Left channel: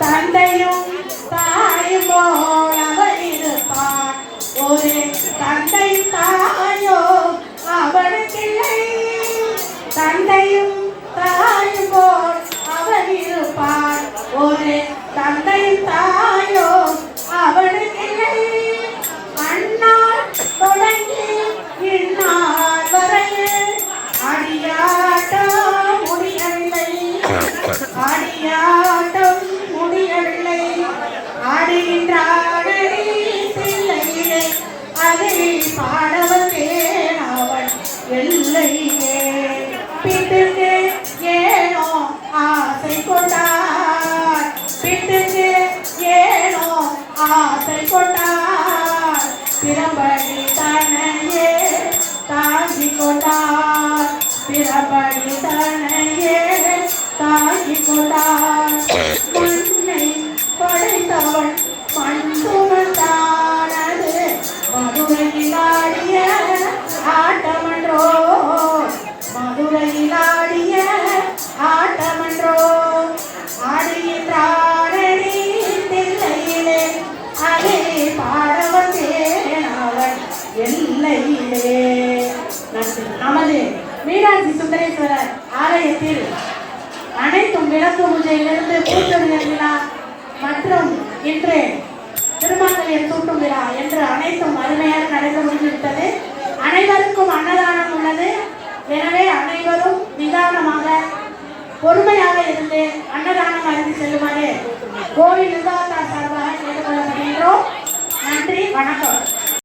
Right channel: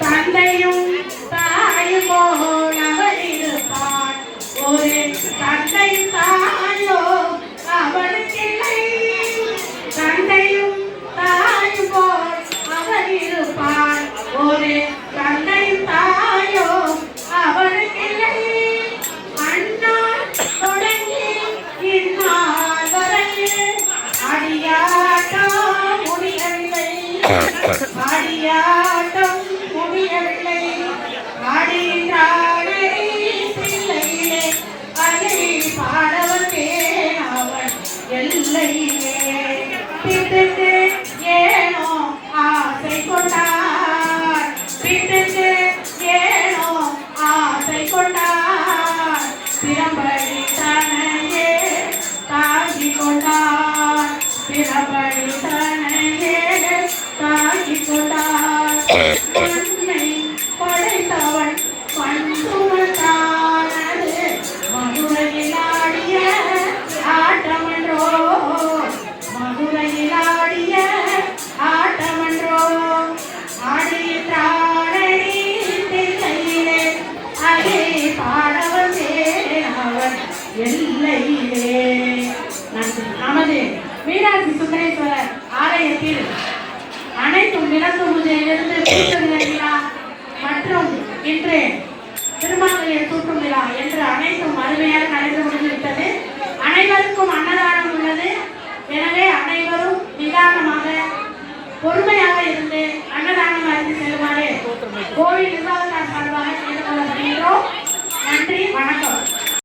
தந்தையும் தாயும் போல் அவர் இருப்பார். ஒரு தந்தையும் தாயோ அவனுக்கில்லை. தந்தையும் தாயும் போல் அவர் இருப்பார். ஒரு தந்தையும் தாயோ அவனுக்கில்லை. அண்ணால் தொடங்கி இந்நாள் வரை அடியாட்டம் முடியவில்லை. அடியாட்டம் முடியவில்லை. ஆடுகின்றானே பிள்ளையிலே அதை பாடவந்தேன் அவன் எல்லையிலே. வீட்டுக்கு ஏனோ ஆசை கொண்டார். வீட்டுக்கு ஏனோ ஆசை கொண்டார். பிறப்படி தனையே தாங்கி கொண்டார். பிறப்படி தனையே தாங்கி கொண்டார். மண்ணை படைத்தவன் மண்சுமந்தானது மதுரையில் ஆடிய ஆட்டமன்றோ. மதுரையில் ஆடிய ஆட்டமன்றோ. ஆடுகின்றானடி தில்லையிலே அதை பாட வந்தேன் அவன் எல்லையிலே. நமது மீனாட்சி சுந்தரேஸ்வரர் ஆலயத்தில் அனைத்தும் விளக்கு பூஜையிலிருந்து பூசல் விழா மற்றும் இன்று திருமாங்கல்யம் சூட்டும் விழா என்று அனைத்தும் அருமையாக நடந்து முடிந்துவிட்டது. அனைவருக்கும் அன்னதானம் உள்ளது. எனவே அனைவரும் நிதானமாக பொறுமையாக இருந்து அன்னதானம்